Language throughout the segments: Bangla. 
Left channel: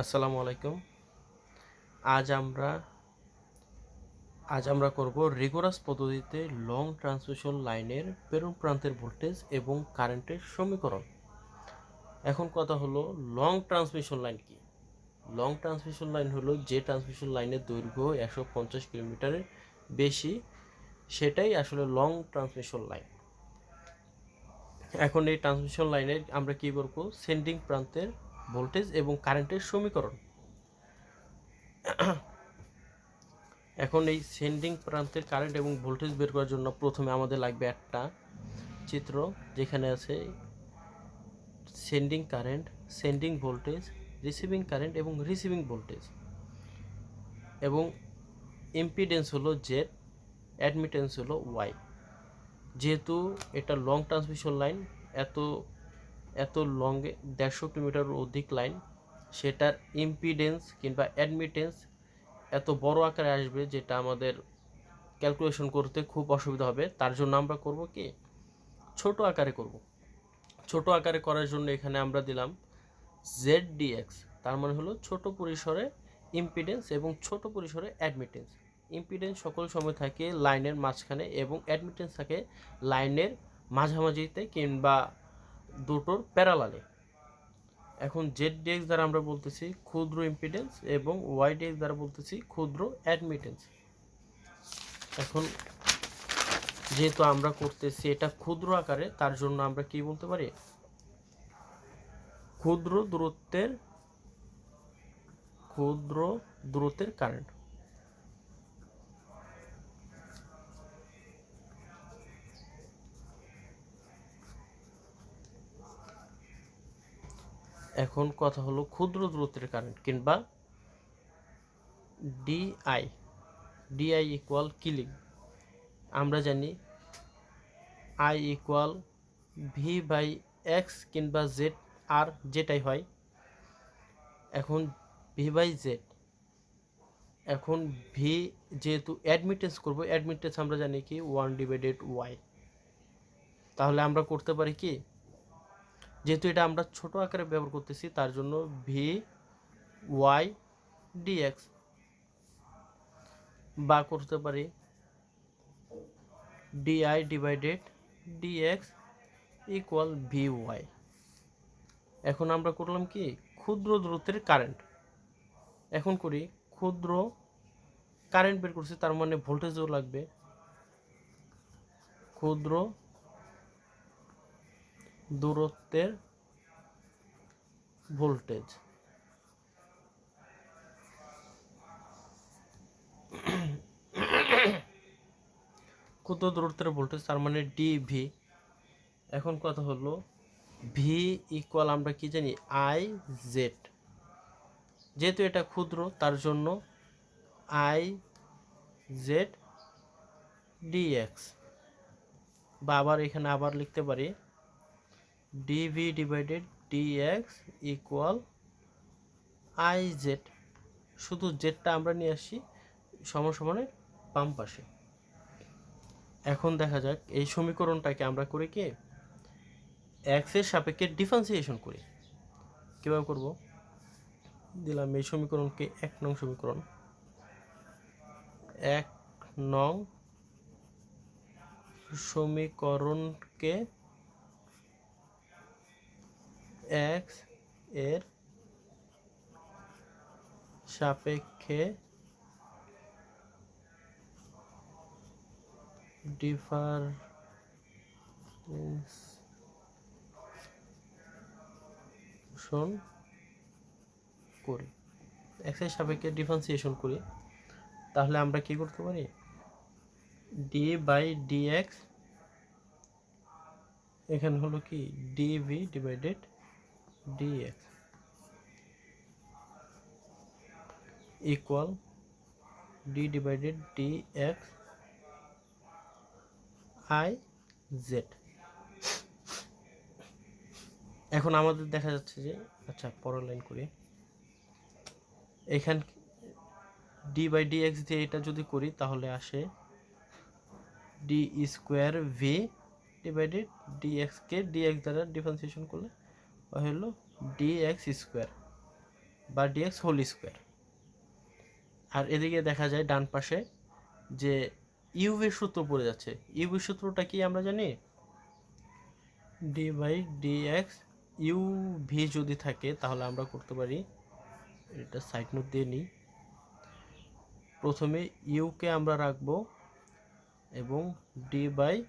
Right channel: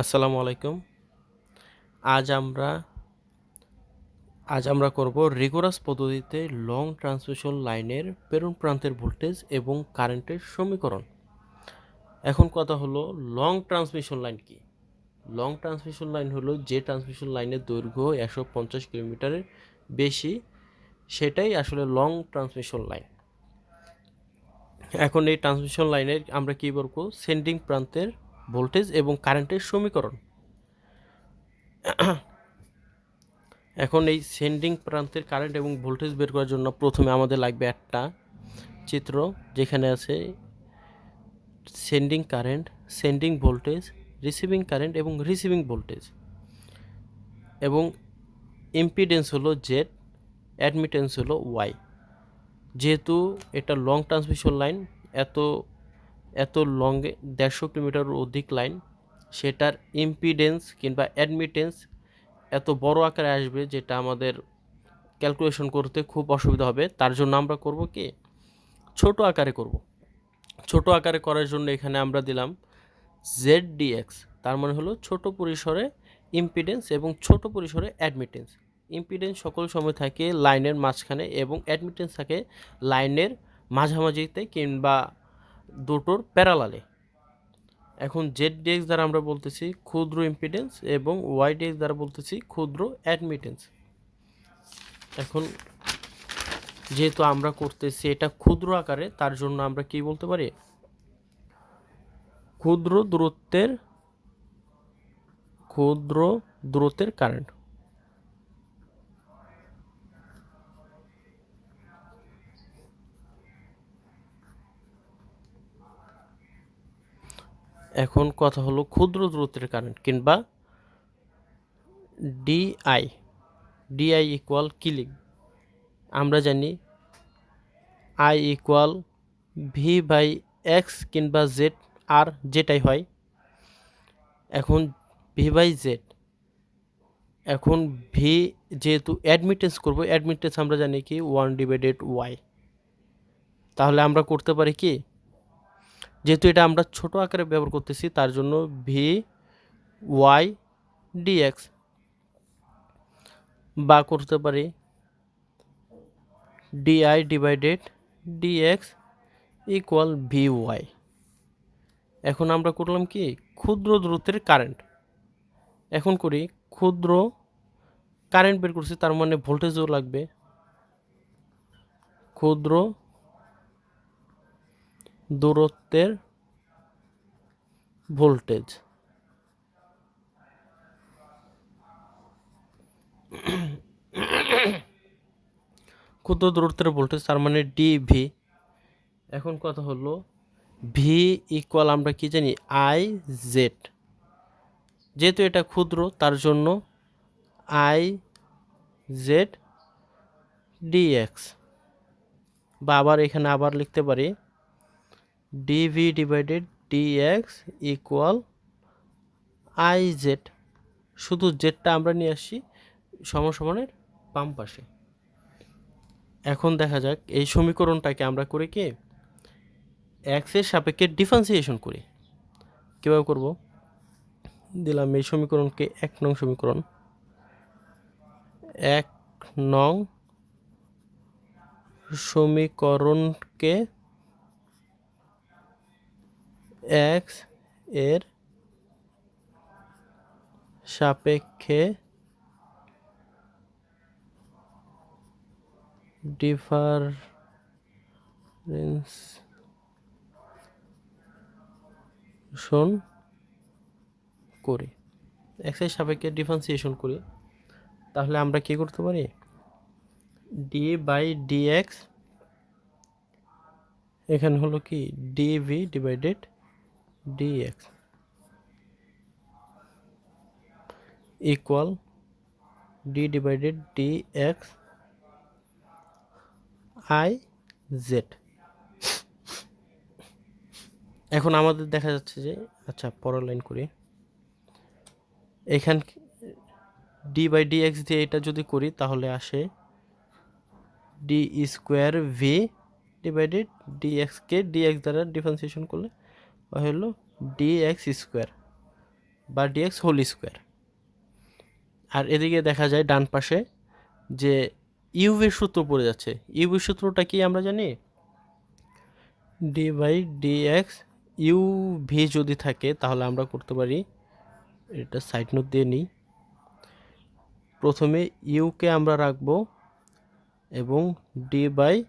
আসসালামু আলাইকুম। আজ আমরা আজ আমরা করব রিগোরাস পদ্ধতিতে লং ট্রান্সমিশন লাইনের প্রেরণ প্রান্তের ভোল্টেজ এবং কারেন্টের সমীকরণ। এখন কথা হলো লং ট্রান্সমিশন লাইন কি? লং ট্রান্সমিশন লাইন হলো যে ট্রান্সমিশন লাইনের দৈর্ঘ্য একশো পঞ্চাশ কিলোমিটারের বেশি, সেটাই আসলে লং ট্রান্সমিশন লাইন এখন এই ট্রান্সমিশন লাইনের আমরা কী বলব? সেন্ডিং প্রান্তের ভোল্টেজ এবং কারেন্টের সমীকরণ। এখন এই সেন্ডিং প্রান্তের কারেন্ট এবং ভোল্টেজ বের করার জন্য প্রথমে আমাদের লাগবে একটা চিত্র যেখানে আছে sending current, sending voltage, receiving current এবং রিসিভিং ভোল্টেজ। এবং ইম্পিডেন্স হলো জেড অ্যাডমিটেন্স হলো ওয়াই যেহেতু এটা লং ট্রান্সমিশন লাইন এত এত লংয়ে দেড়শো কিলোমিটার অধিক লাইন, সেটার ইম্পিডেন্স কিংবা অ্যাডমিটেন্স এত বড় আকারে আসবে যেটা আমাদের ক্যালকুলেশন করতে খুব অসুবিধা হবে। তার জন্য আমরা করব কি? ছোট আকারে করব। ছোট আকারে করার জন্য এখানে আমরা দিলাম জেড ডিএক্স তার মানে হলো ছোট পরিসরে ইম্পিডেন্স এবং ছোট পরিসরে অ্যাডমিটেন্স ইম্পিডেন্স সকল সময় থাকে লাইনের মাঝখানে এবং অ্যাডমিটেন্স থাকে লাইনের মাঝামাঝিতে কিংবা দুটোর প্যারালালে। এখন জেড ডিএক্স দ্বারা আমরা বলতেছি ক্ষুদ্র ইম্পিডেন্স এবং ওয়াই ডিএক্স দ্বারা বলতেছি ক্ষুদ্র অ্যাডমিটেন্স এখন যেহেতু আমরা করতেছি এটা ক্ষুদ্র আকারে, তার জন্য আমরা কি বলতে পারি? ক্ষুদ্র দূরত্বের ক্ষুদ্র দূরত্বের কারেন্ট এখন কথা হলো ক্ষুদ্র দূরত্বের কারেন্ট কিংবা ডিআই ডিআই ইকুয়াল কিলিং আমরা জানি I equal V by X কিংবা জেড আর যেটাই হয়। এখন ভি বাই জেড এখন ভি যেহেতু অ্যাডমিটেন্স করব অ্যাডমিটেন্স আমরা জানি কি ওয়ান ডিভাইডেড ওয়াই তাহলে আমরা করতে পারি কি? যেহেতু এটা আমরা ছোট আকারে ব্যবহার করতেছি, তার জন্য ভি ওয়াই ডিএক্স বা করতে পারি D I divided D X equal V Y এখন আমরা করলাম কি? ক্ষুদ্র দূরত্বের কারেন্ট এখন করি ক্ষুদ্র কারেন্ট বের করছি, তার মানে ভোল্টেজও লাগবে। ক্ষুদ্র দূরত্বের ভোল্টেজ। ক্ষুদ্র দূরত্বের ভোল্টেজ, তার মানে ডিভি এখন কথা হলো ভি ইকুয়াল আমরা কি জানি? আই জেড যেহেতু এটা ক্ষুদ্র, তার জন্য আই জেড ডিএক্স বা আবার এখানে আবার লিখতে পারি D V divided D X equal I Z শুধু জেডটা আমরা নিয়ে আসছি সমসমানের বাম পাশে। এখন দেখা যাক এই সমীকরণটাকে আমরা করে কি? এক্সের সাপেক্ষে ডিফারেন্সিয়েশন করি। কীভাবে করব? দিলাম এই সমীকরণকে এক নং সমীকরণ। এক নং সমীকরণকে এক্সের সাপেক্ষে ডিফারেন্স শোন করি। এক্সের সাপেক্ষে ডিফারেন্সিয়েশন করি। তাহলে আমরা কি করতে পারি? ডি বাই ডিএক্স এখানে হলো কি? D V divided dx equal d divided dx i z. এখন আমাদের দেখা যাচ্ছে যে আচ্ছা পরের লাইন করি। এখান ডি বাই ডি এক্স দিয়ে এটা যদি করি, তাহলে আসে D square V divided D এক্সকে ডি এক্স দ্বারা ডিফারেন্সিয়েশন করলে হলো ডি এক্স স্কোয়ার বা ডিএক্স হোল স্কোয়ার আর এদিকে দেখা যায় ডান পাশে যে ইউভির সূত্র পড়ে যাচ্ছে। ইউভির সূত্রটা কি আমরা জানি? D by D X U V যদি থাকে তাহলে আমরা করতে পারি, এটা সাইড নোট দিয়ে নিই। প্রথমে ইউকে আমরা রাখব এবং D by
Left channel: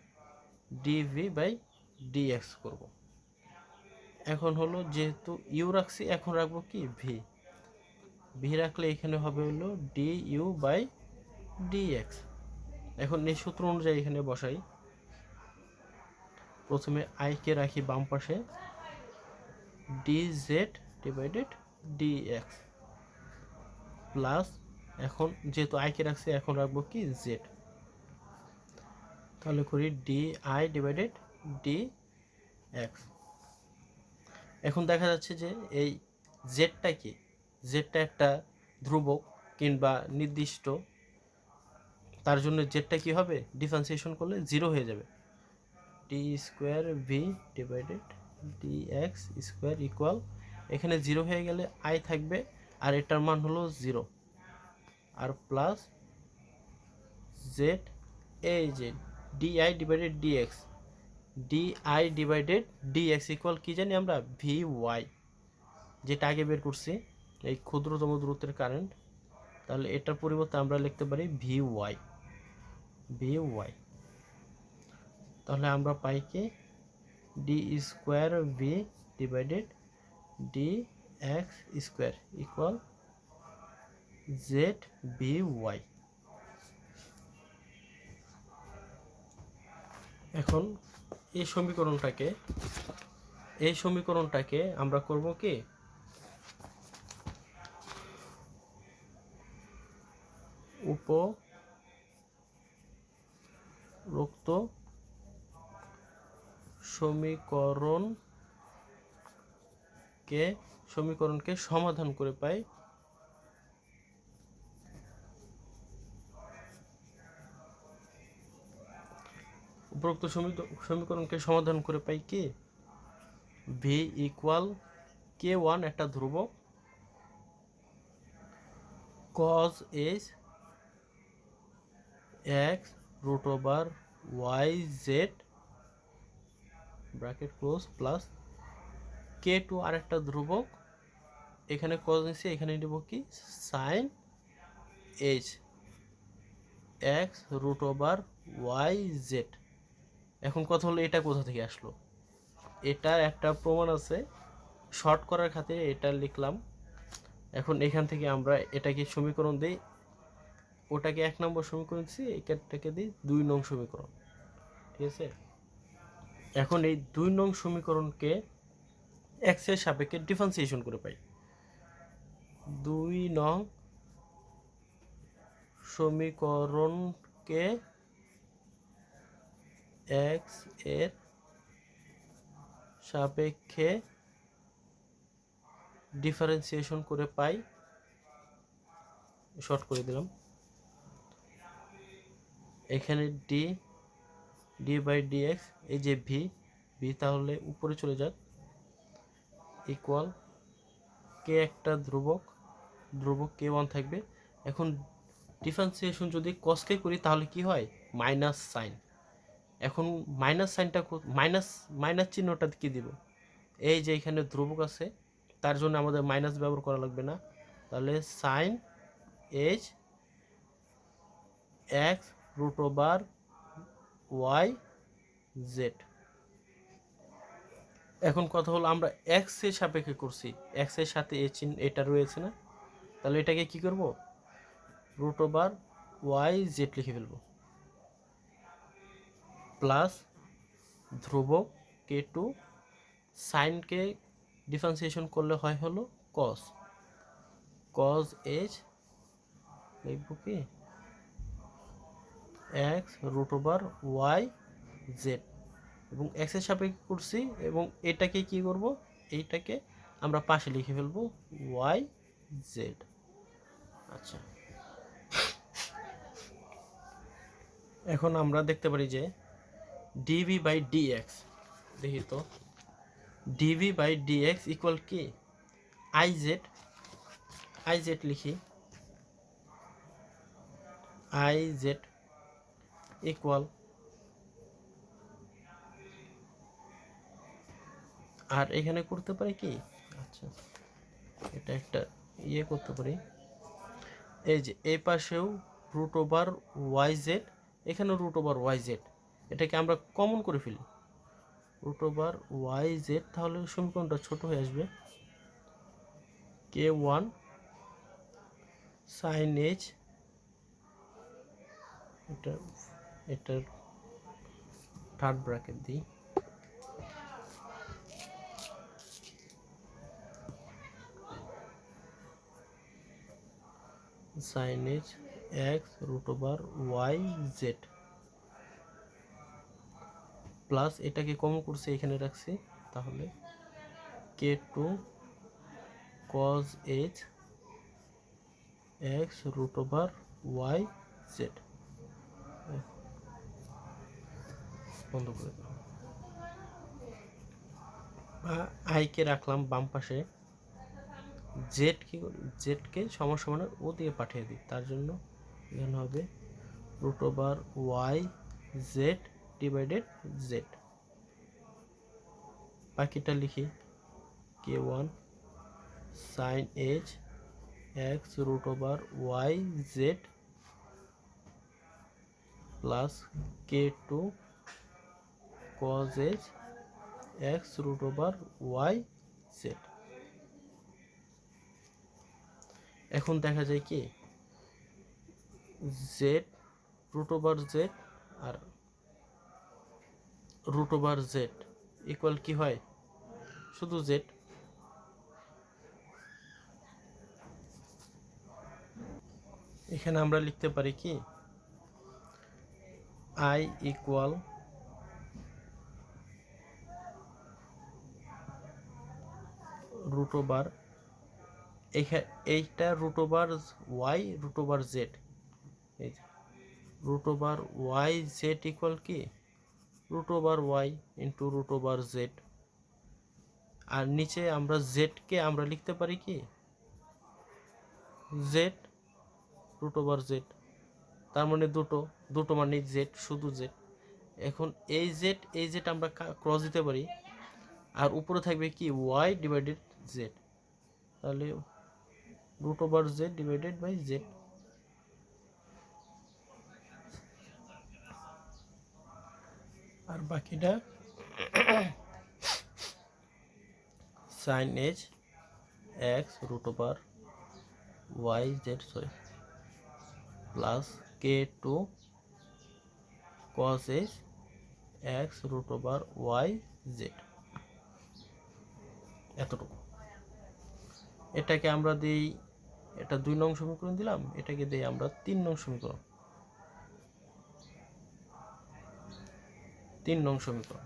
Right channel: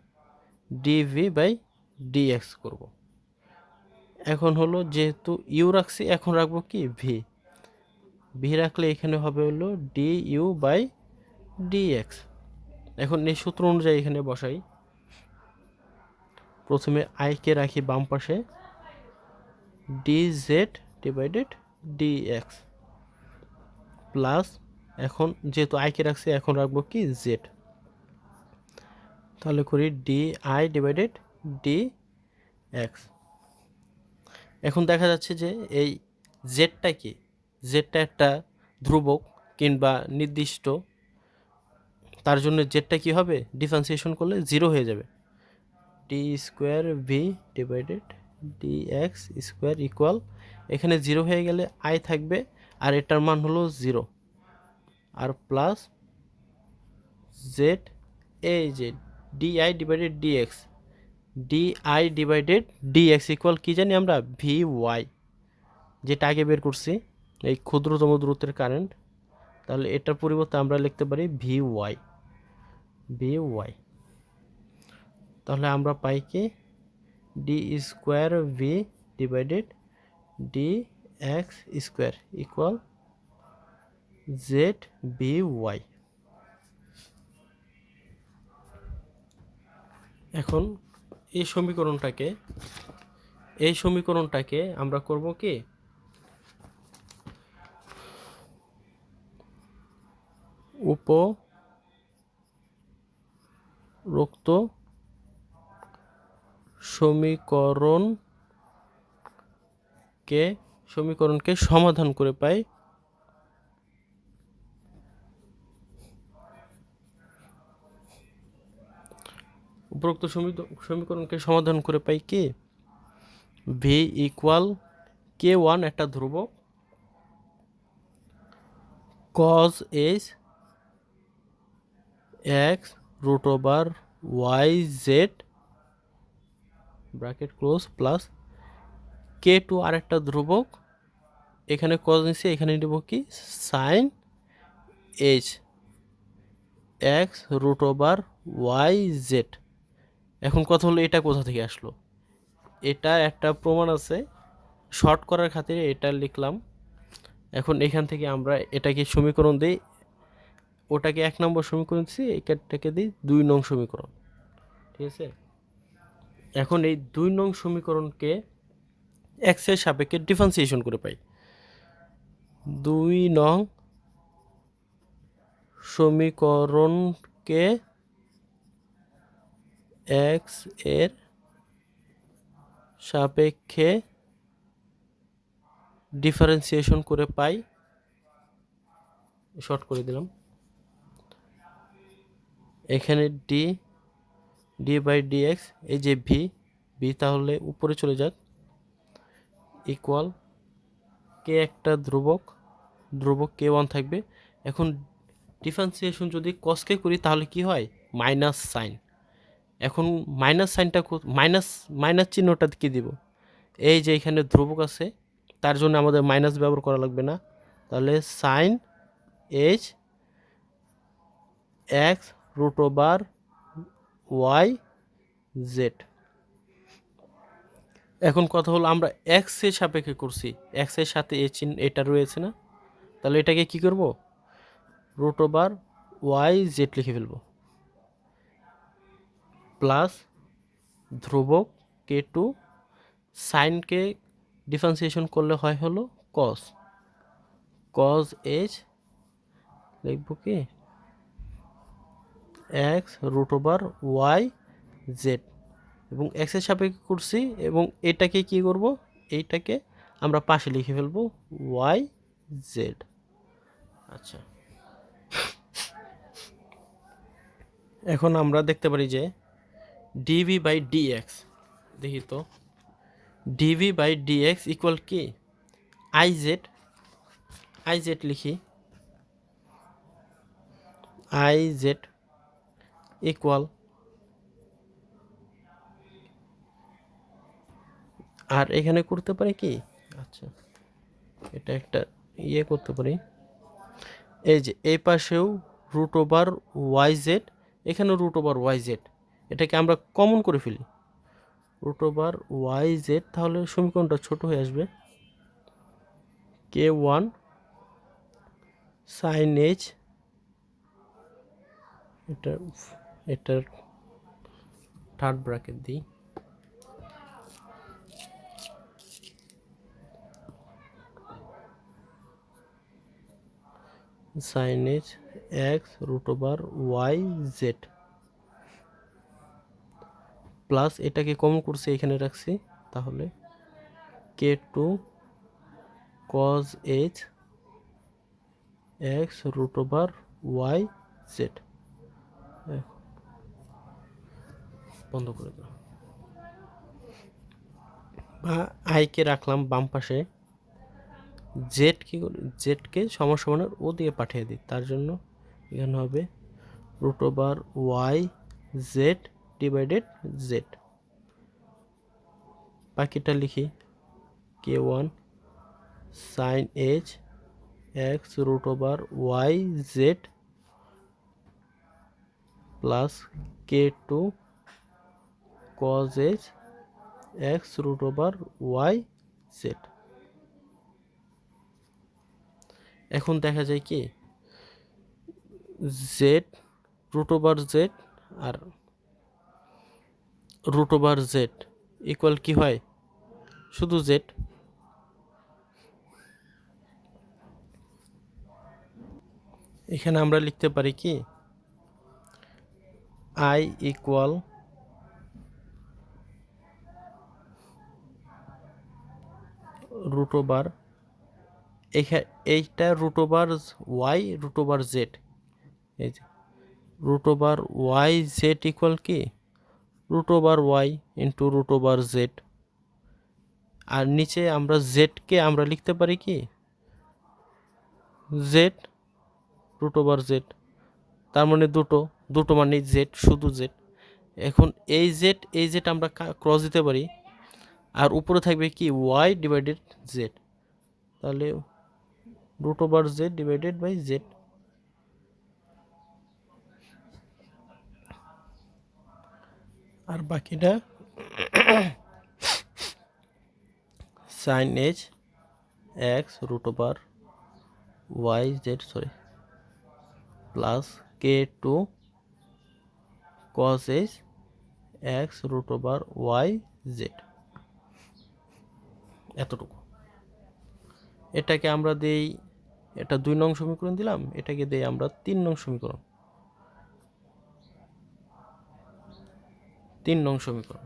D V by D X করব। এখন হলো যেহেতু ইউ রাখছি, এখন রাখব কি? ভি ভি রাখলে এখানে হবে হলো ডি ইউ বাই ডিএক্স এখন এই সূত্র অনুযায়ী এখানে বসাই। প্রথমে আইকে রাখি বাম পাশে। D Z divided D X plus এখন যেহেতু আইকে রাখছি, এখন রাখব কি? জেড তাহলে করি D I divided D X এখন দেখা যাচ্ছে যে এই জেডটা কি? জেডটা একটা ধ্রুবক কিংবা নির্দিষ্ট। তার জন্য জেডটা কি হবে? ডিফারেন্সিয়েশন করলে জিরো হয়ে যাবে। D square V divided D X square equal এখানে জিরো হয়ে গেলে আই থাকবে আর এটার মান হলো জিরো। আর প্লাস জেড এ এই যে D I divided D X D I divided D X equal কী জানি আমরা? ভি ওয়াই যেটা আগে বের করছি, এই ক্ষুদ্রতম দূরত্বের কারেন্ট তাহলে এটার পরিবর্তে আমরা লিখতে পারি ভি ওয়াই ভি ওয়াই তাহলে আমরা পাই কি? D square V divided D X square equal Z V Y এখন এই সমীকরণটাকে এই সমীকরণটাকে আমরা করব কি? উপরোক্ত সমীকরণকে সমীকরণকে সমাধান করে পাই। উপরোক্ত সমীক- সমীকরণকে সমাধান করে পাই কি? ভি ইকুয়াল কে ওয়ান একটা ধ্রুবক cos H X root over Y Z bracket close plus K two আরেকটা ধ্রুবক এখানে কজ নিচ্ছি এখানে নেব কি? Sine H X root over Y Z এখন কথা হলো এটা কোথা থেকে আসলো? এটা একটা প্রমাণ আছে। শর্ট করার খাতিরে এটা লিখলাম। এখন এখান থেকে আমরা এটাকে সমীকরণ দিই। ওটাকে এক নম্বর সমীকরণ দিচ্ছি এটাকে দিই দুই নং সমীকরণ। ঠিক আছে? এখন এই দুই নং সমীকরণকে এক্সের সাপেক্ষে ডিফারেন্সিয়েশন করে পাই। দুই নং সমীকরণকে এক্সের সাপেক্ষে ডিফারেন্সিয়েশন করে পাই। শর্ট করে দিলাম। এখানে D D by D X এই যে ভি ভি তাহলে উপরে চলে যাক। ইকুয়াল কে একটা ধ্রুবক ধ্রুবক কে ওয়ান থাকবে। এখন ডিফারেন্সিয়েশন যদি কসকে করি তাহলে কি হয়? মাইনাস সাইন এখন মাইনাস সাইনটা মাইনাস মাইনাস চিহ্নটা কি দিব? এই যে এখানে ধ্রুবক আছে, তার জন্য আমাদের মাইনাস ব্যবহার করা লাগবে না। তাহলে sine H X root over Y Z এখন কথা হলো আমরা এক্সের সাপেক্ষে করছি। এক্সের সাথে এ চিহ্ন, এটা রয়েছে না? তাহলে এটাকে কি করব? রুট ওভার ওয়াই জেড লিখে ফেলব। প্লাস ধ্রুবক কে টু সাইনকে ডিফারেন্সিয়েশন করলে হয় হলো কস কজ এইচ লিখব কি? X root over Y Z এবং এক্সের সাপেক্ষে করছি এবং এটাকে কি করব? এইটাকে আমরা পাশে লিখে ফেলব ওয়াই জেড আচ্ছা। এখন আমরা দেখতে পারি যে ডিভি বাই ডিএক্স দেখি তো D V by D X equal কি আই জেড আই জেড লিখি আই জেড ইকুয়াল আর এখানে করতে পারি কি? আচ্ছা এটা একটা ইয়ে করতে পারি, এই যে এই পাশেও রুট ওভার ওয়াই জেড এখানেও রুট ওভার ওয়াই জেড এটাকে আমরা কমন করে ফেলি। রুট ওভার ওয়াই জেড তাহলে সমীকরণটা ছোট হয়ে আসবে। কে ওয়ান সাইন এইচ এটা, এটার থার্ড ব্র্যাকেট দিই। Sine H X root over Y Z plus এটাকে কমন করছে, এখানে রাখছি, তাহলে K two cos H X root over Y Z বন্ধ করে দাও। আইকে রাখলাম বাম পাশে জেড কি জেডকে সমান সমানের ও দিয়ে পাঠিয়ে দিই, তার জন্য এখানে হবে root over Y Z divided Z বাকিটা লিখি K one sine H X root over Y Z plus K two cos H X root over Y Z এখন দেখা যায় কি? জেড রুট ওভার জেড আর রুট ওভার জেড ইকুয়াল কি হয়? শুধু জেড এখানে আমরা লিখতে পারি কি? আই ইকুয়াল রুট ওভার এইটা root over Y root over Z এই যে root over Y Z equal কি? Root over Y into root over Z আর নিচে আমরা জেডকে আমরা লিখতে পারি কি? জেড রুট ওভার জেড তার মানে দুটো দুটো মানে জেড শুধু জেড এখন এই জেড এই জেড আমরা ক্রস দিতে পারি। আর উপরে থাকবে কি? ওয়াই ডিভাইডেড জেড তাহলে root over Z divided by Z আর বাকিটা sine H X root over Y Z sorry plus K two cos H X root over Y Z এতটুকু। এটাকে আমরা দেই, এটা দুই নং সমীকরণ দিলাম, এটাকে দেই আমরা তিন নং সমীকরণ। তিন নং সমীকরণ।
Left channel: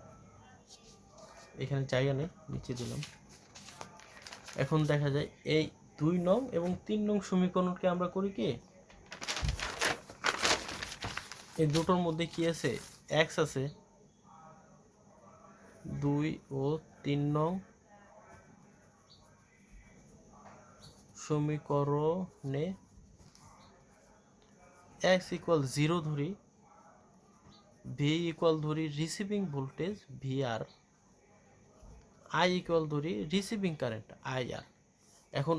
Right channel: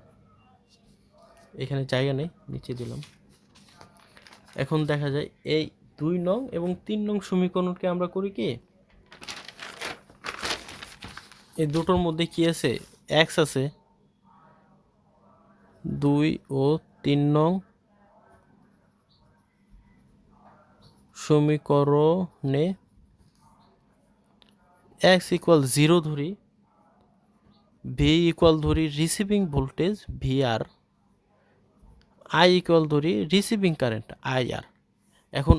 এখানে জায়গা নেই, নিচে দিলাম। এখন দেখা যায় এই দুই নং এবং তিন নং সমীকরণকে আমরা করি কি? এই দুটোর মধ্যে কি আছে? এক্স আছে। দুই ও তিন নং সমীকরণে এক্স ইকুয়াল জিরো ধরি। ভি ইকুয়াল ধরি receiving voltage V R I equal ধরি রিসিভিং কারেন্ট আই আর এখন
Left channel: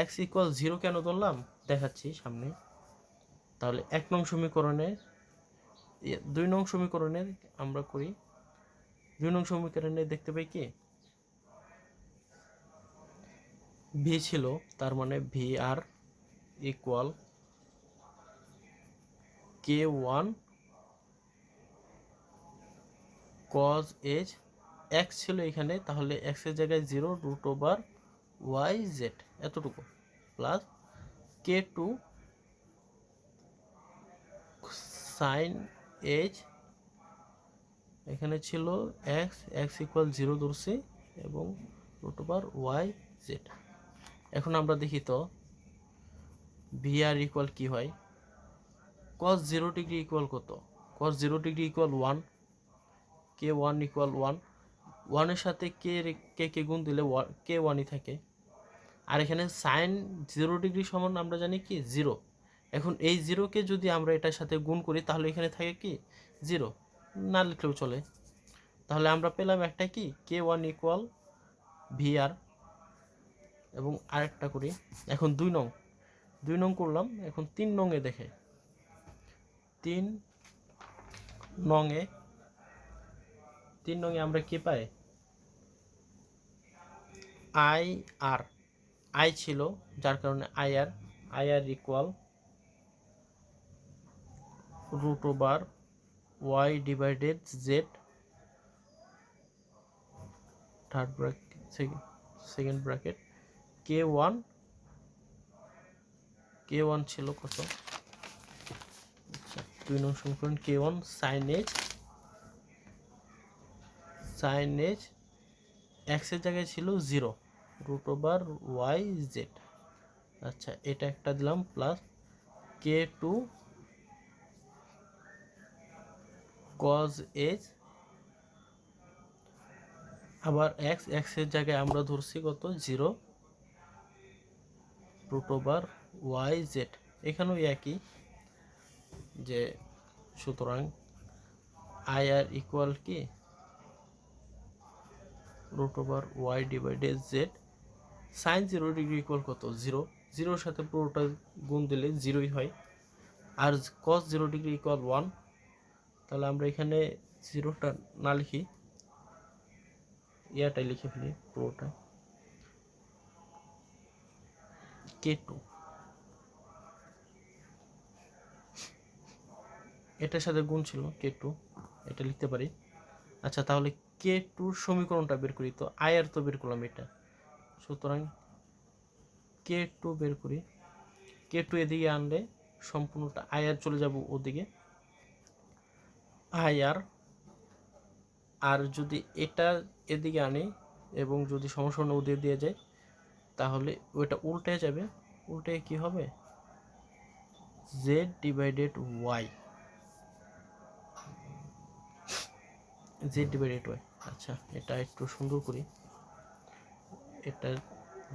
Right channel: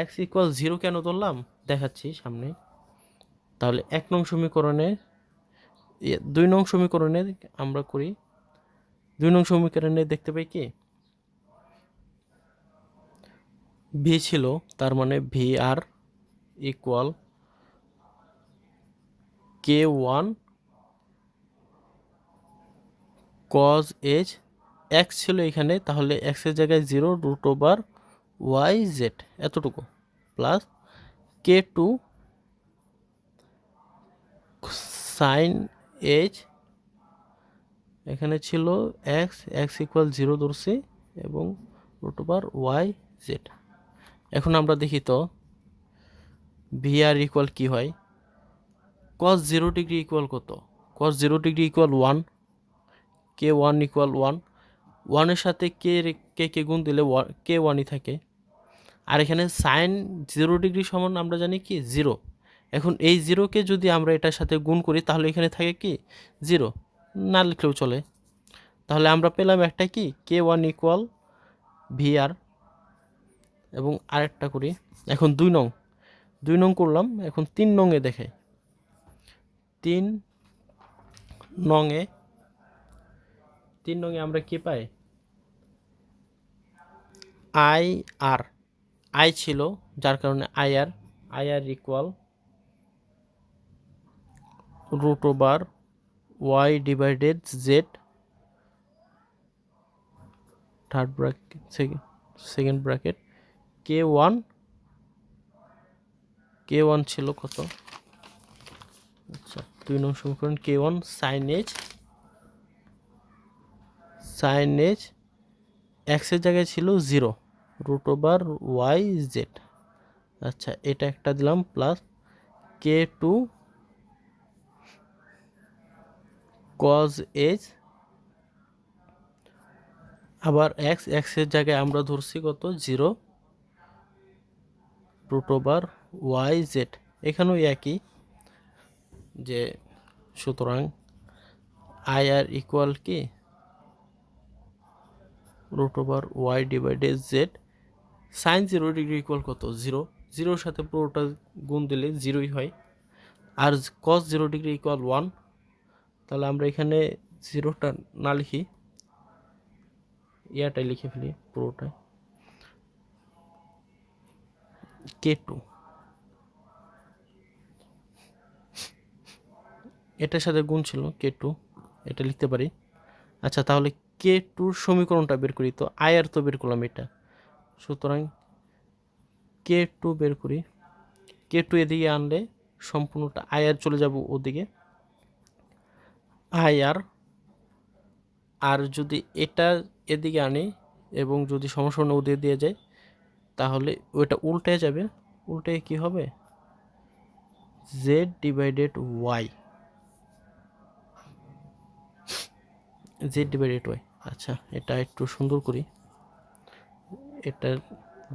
এক্স ইকুয়াল জিরো কেন ধরলাম? দেখাচ্ছি সামনে। তাহলে এক নং সমীকরণে দুই নং সমীকরণে আমরা করি, দুই নং সমীকরণে দেখতে পাই কি? ভি ছিল, তার মানে V R equal K one cos H X ছিল এখানে, তাহলে এক্সের জায়গায় zero root over Y Z এতটুকু। Plus K two sine H এখানে ছিল এক্স এক্স ইকুয়াল জিরো ধরছি এবং রুট ওভার ওয়াই জেড এখন আমরা দেখি তো ভি আর ইকুয়াল কী হয়? কস জিরো ডিগ্রি ইকুয়াল কত? Cos zero degree equal one K one equal one ওয়ানের সাথে কে কে কে গুণ দিলে কে ওয়ানই থাকে। আর এখানে সাইন জিরো ডিগ্রি সমান আমরা জানি কি? জিরো এখন এই জিরোকে যদি আমরা এটার সাথে গুণ করি, তাহলে এখানে থাকে কি? জিরো না লিখলেও চলে। তাহলে আমরা পেলাম একটা কি? কে ওয়ান ইকুয়াল ভিআর এবং আরেকটা করি। এখন দুই নং। দুই নং করলাম। এখন তিন নংয়ে দেখে। তিন নংয়ে তিন নংয়ে আমরা কি পাই? আই আর, আই ছিল, যার কারণে I R I R equal root over Y divided Z third bracket second second bracket K one K one ছিল কত? আচ্ছা দুই নং সমীকরণ K one sine H sine H এক্সের জায়গায় ছিল zero root over Y Z আচ্ছা এটা একটা দিলাম plus K two cos H আবার এক্স এক্সের জায়গায় আমরা ধরছি কত? Zero root over Y Z এখানেও একই যে সুতরাং আই আর ইকুয়াল কি? Root over Y divided Z sine zero degree equal কত? জিরো জিরোর সাথে পুরোটা গুণ দিলে জিরোই হয়। আর cos zero degree equal one তাহলে আমরা এখানে জিরোটা না লিখি, ইয়াটাই লিখে ফেলি পুরোটাই। কে টু এটার সাথে গুণ ছিল কে টু এটা লিখতে পারি। আচ্ছা তাহলে কে টুর সমীকরণটা বের করি? তো আয়ার তো বের করলাম এটা। সুতরাং কে টু বের করি? কে টু এদিকে আনলে সম্পূর্ণটা আয়ার চলে যাব ওদিকে। আয়ার আর আর যদি এটা এদিকে আনি এবং যদি সমস্যা ওদিকে দিয়ে যায়, তাহলে ওইটা উল্টে যাবে। উল্টে কি হবে? Z divided Y Z divided Y আচ্ছা এটা একটু সুন্দর করি। এটা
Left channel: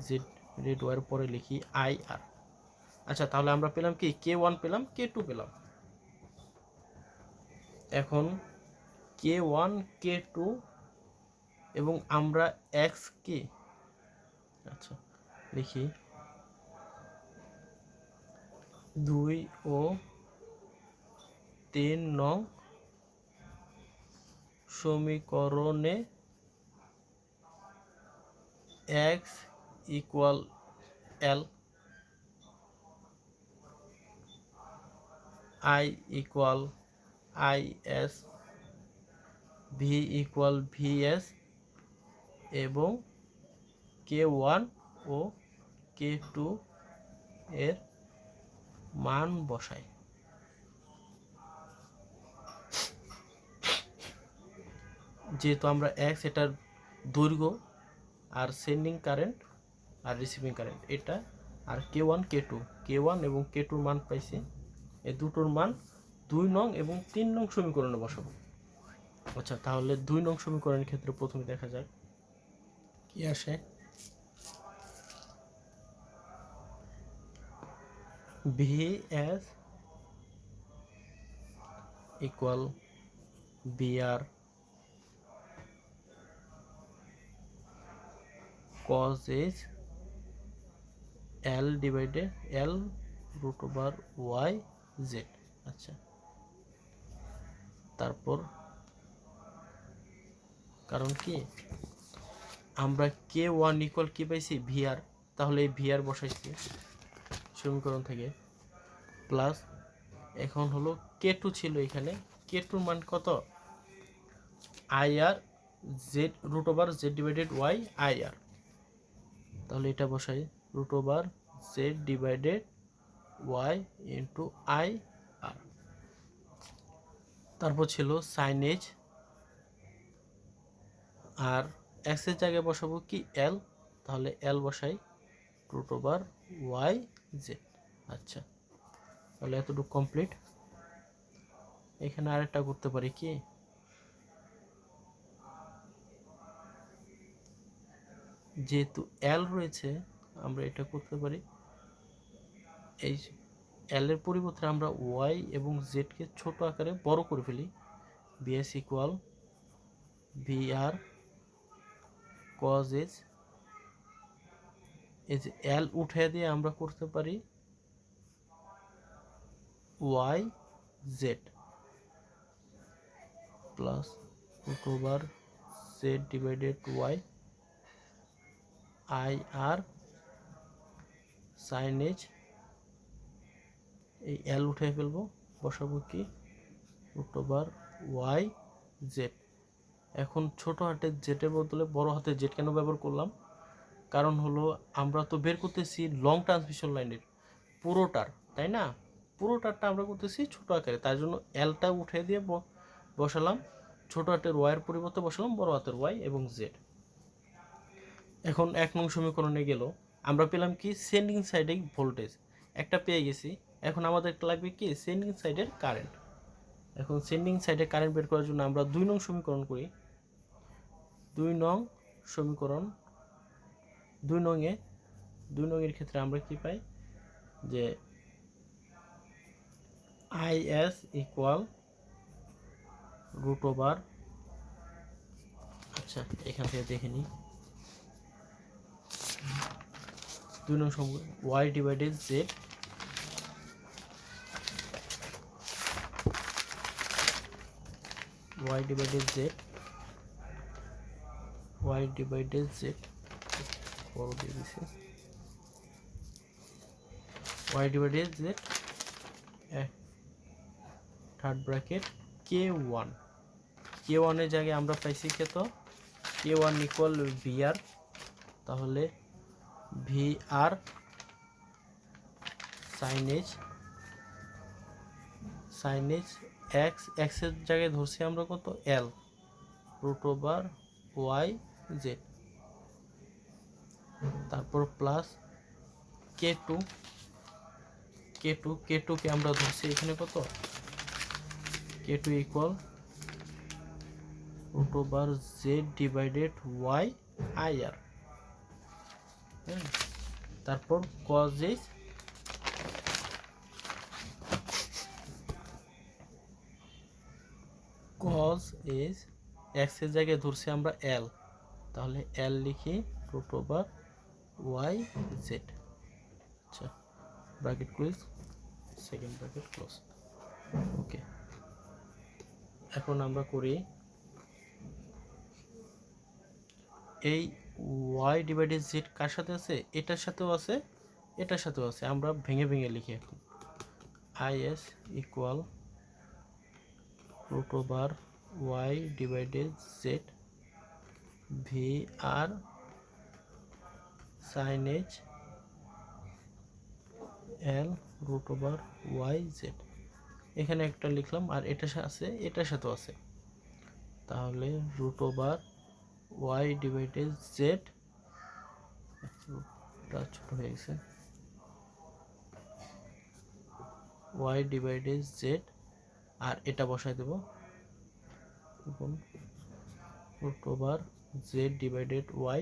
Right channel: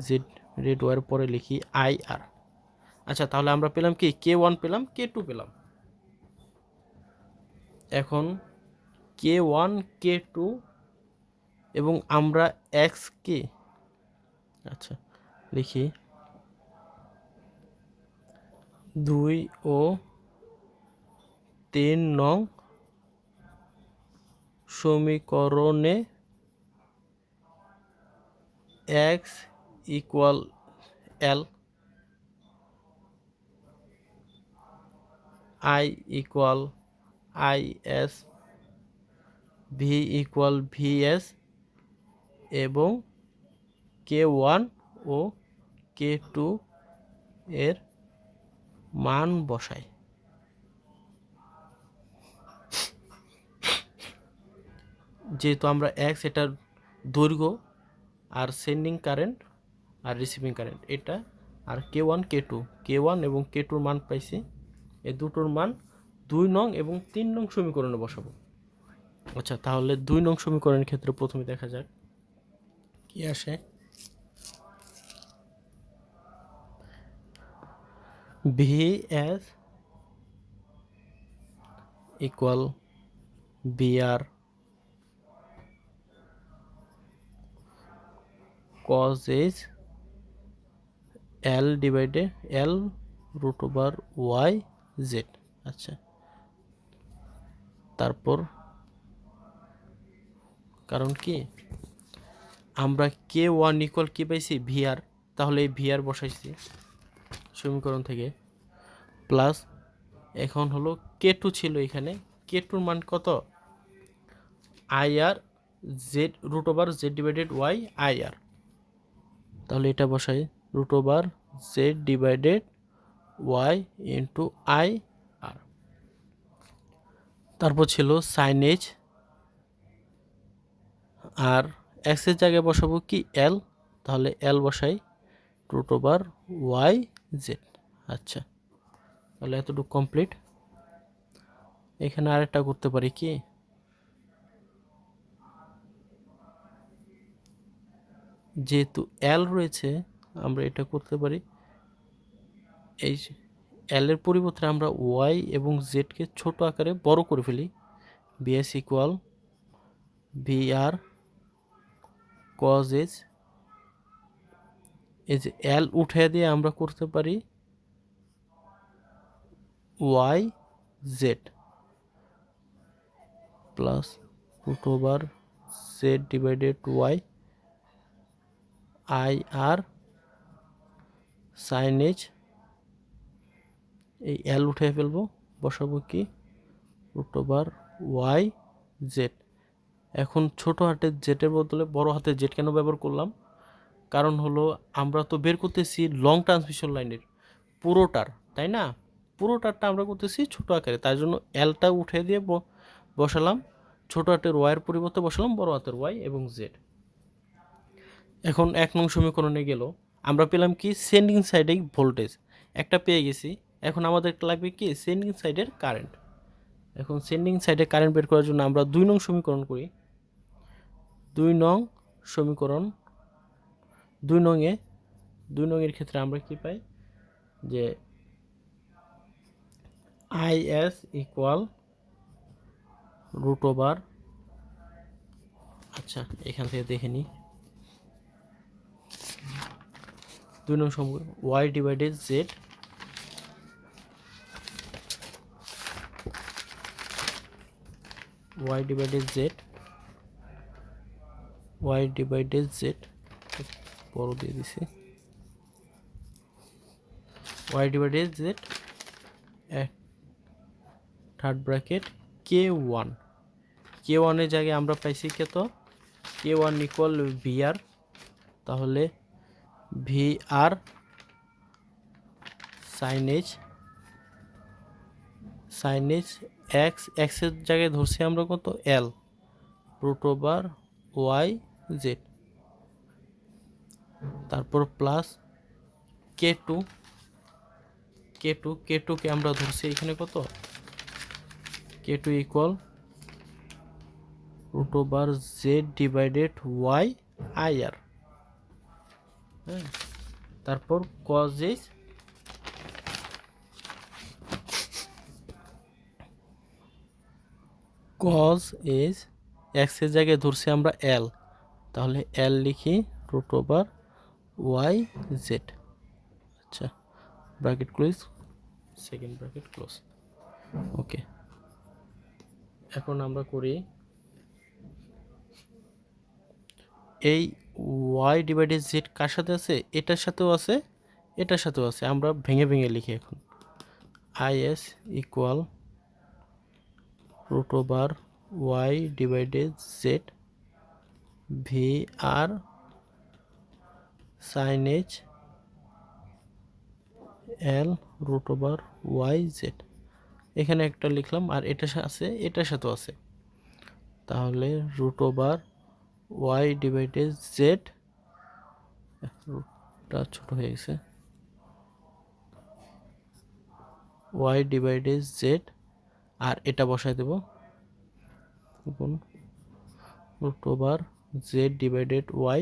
জেড রেড ওয়ার পরে লিখি আই আর আচ্ছা তাহলে আমরা পেলাম কি? কে ওয়ান পেলাম কে টু পেলাম। এখন কে ওয়ান কে টু এবং আমরা এক্স কে আচ্ছা লিখি দুই ও তিন নং সমীকরণে X equal L I equal I S V equal V S এবং কে ওয়ান ও কে টু এর মান বসাই। যেহেতু আমরা এক্স এটার দৈর্ঘ্য আর সেন্ডিং কারেন্ট আর রিসিভিং কারেন্ট এটা আর K one K two K one এবং কে টুর মান পাইছি, এই দুটোর মান দুই নং এবং তিন নং সমীকরণে বসাবো। আচ্ছা তাহলে দুই নং সমীকরণের ক্ষেত্রে প্রথমে দেখা যাক কি আসে। V S equal V R cos is L divided L root over Y Z আচ্ছা। তারপর কারণ কি? আমরা কে ওয়ান ইকুয়াল কি পাইছি? ভিআর তাহলে এই ভিআর বসাইছি সমীকরণ থেকে। প্লাস এখন হলো কে টু ছিল এখানে। কে টুর মান কত? I R Z root over Z divided Y I R তাহলে এটা বসাই root over Z divided Y into I R তারপর ছিল সাইন সাইনেজ আর এক্সের জায়গায় বসাবো কি এল তাহলে এল বসাই রুট ওভার ওয়াই জেড আচ্ছা তাহলে এতটুকু কমপ্লিট এখানে আরেকটা করতে পারি কি? যেহেতু এল রয়েছে, আমরা এটা করতে পারি। এই এল এর পরিবর্তে আমরা ওয়াই এবং জেডকে ছোট আকারে বড় করে ফেলি। V S equal V R cos H এই যে এল উঠে দিয়ে আমরা করতে পারি Y Z plus root over Z divided Y I R sine H এই এল উঠে ফেলব, বসাবো কি? রুট ওয়াই জেড এখন ছোট হাতের জেটের বদলে বড় হাতের জেড কেন ব্যবহার করলাম? কারণ হলো আমরা তো বের করতেছি লং ট্রান্সমিশন লাইনের পুরোটার, তাই না? পুরোটারটা আমরা করতেছি ছোট আকারে তাই জন্য এলটা উঠে দিয়ে বসালাম, ছোট হাতের ওয়াইয়ের পরিবর্তে বসালাম বড় হাতের ওয়াই এবং জেড এখন এক নং সমীকরণে গেল। আমরা পেলাম কি? সেন্ডিং সাইডে ভোল্টেজ। একটা পেয়ে গেছি। এখন আমাদের লাগবে কি? সেন্ডিং সাইডের কারেন্ট। এখন সেন্ডিং সাইডে কারেন্ট বের করার জন্য আমরা দুই নং সমীকরণ করি। দুই নং সমীকরণ। দুই নংয়ে, দুই নংয়ের ক্ষেত্রে আমরা কি পাই? যে I S equal root over আচ্ছা এখান থেকে দেখে নিই। দুই নং সমীকরণ Y divided Z y divided z y divided z বড় দিয়ে দিছি। y divided z third bracket K one K ওয়ানের জায়গায় আমরা পাইছি কত? K one equal V R তাহলে V R signage signage x এক্সের জায়গায় ধরছি আমরা কত? L, root over Y Z. তারপর plus K two K two, K টুকে আমরা ধরছি এখানে কত? K two equal root over Z divided Y I R. তারপর কজ এইচ কজ এজ এক্সের জায়গায় ধরছি আমরা এল তাহলে এল লিখি রুট ওভার ওয়াই জেড আচ্ছা bracket close second bracket close okay এখন আমরা করি এই ওয়াই ডিভাইডেড জেড কার সাথে আছে? এটার সাথেও আছে, এটার সাথেও আছে। আমরা ভেঙে ভেঙে লিখি এখন। I S equal root over y divided z v r sin h l root over y z এখানে একটা লিখলাম, আর এটা আছে, এটার সাথেও আছে। তাহলে root over Y divided Z রুটটা ছোট হয়ে গেছে। ওয়াই ডিভাইডেড জেড আর এটা বসাই দেব। Root over Z divided Y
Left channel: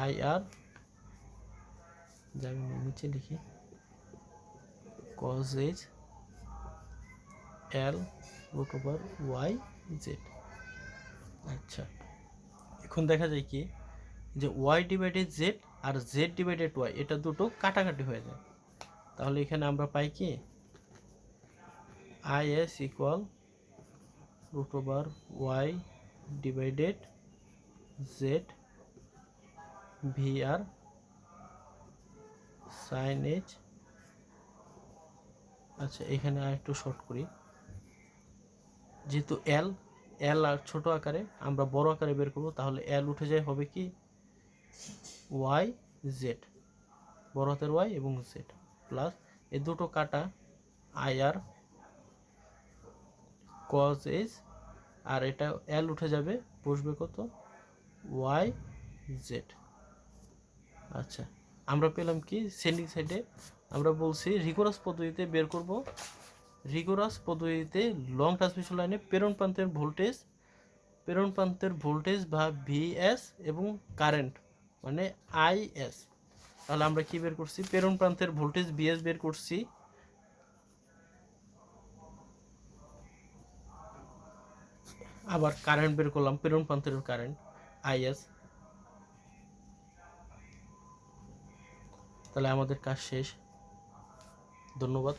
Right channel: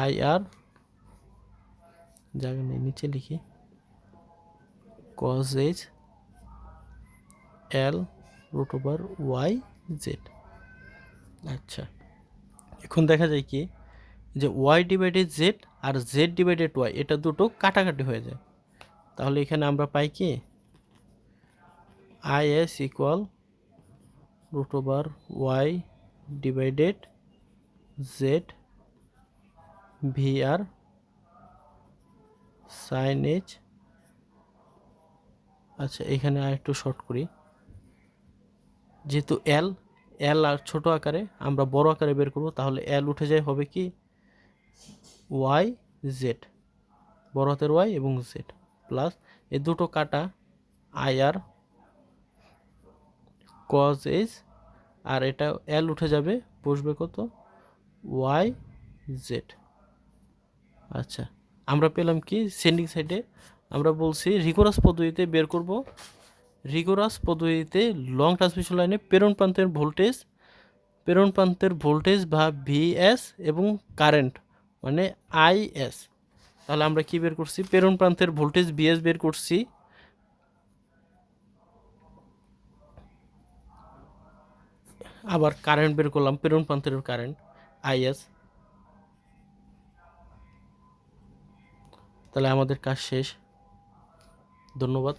I R জায়গা নেই নিচে লিখি cos H L root over Y Z আচ্ছা। এখন দেখা যায় কি, যে ওয়াই ডিভাইডেড জেড আর জেড ডিভাইডেড ওয়াই এটা দুটো কাটাকাটি হয়ে যায়। তাহলে এখানে আমরা পাই কি? I S equal root over Y divided Z V R sine H আচ্ছা এখানে আর একটু শর্ট করি। যেহেতু এল এল আর ছোট আকারে আমরা বড় আকারে বের করব, তাহলে এল উঠে যায় হবে কি? ওয়াই জেড বড় হাতের ওয়াই এবং জেড প্লাস এই দুটো কাটা আই আর কজ এজ আর এটা এল উঠে যাবে, বসবে কত? ওয়াই জেড আচ্ছা আমরা পেলাম কি? সেন্ডিং সাইডে আমরা বলছি রিগোরাস পদ্ধতিতে বের করব। রিগোরাস পদ্ধতিতে লং ট্রান্সমিশন লাইনে প্রেরণ প্রান্তের ভোল্টেজ প্রেরণ প্রান্তের ভোল্টেজ বা ভিএস এবং কারেন্ট মানে আইএস তাহলে আমরা কি বের করছি? প্রেরণ প্রান্তের ভোল্টেজ বিএস বের করছি। আবার কারেন্ট বের করলাম, প্রেরণ প্রান্তের কারেন্ট আইএস তাহলে আমাদের কাজ শেষ। ধন্যবাদ।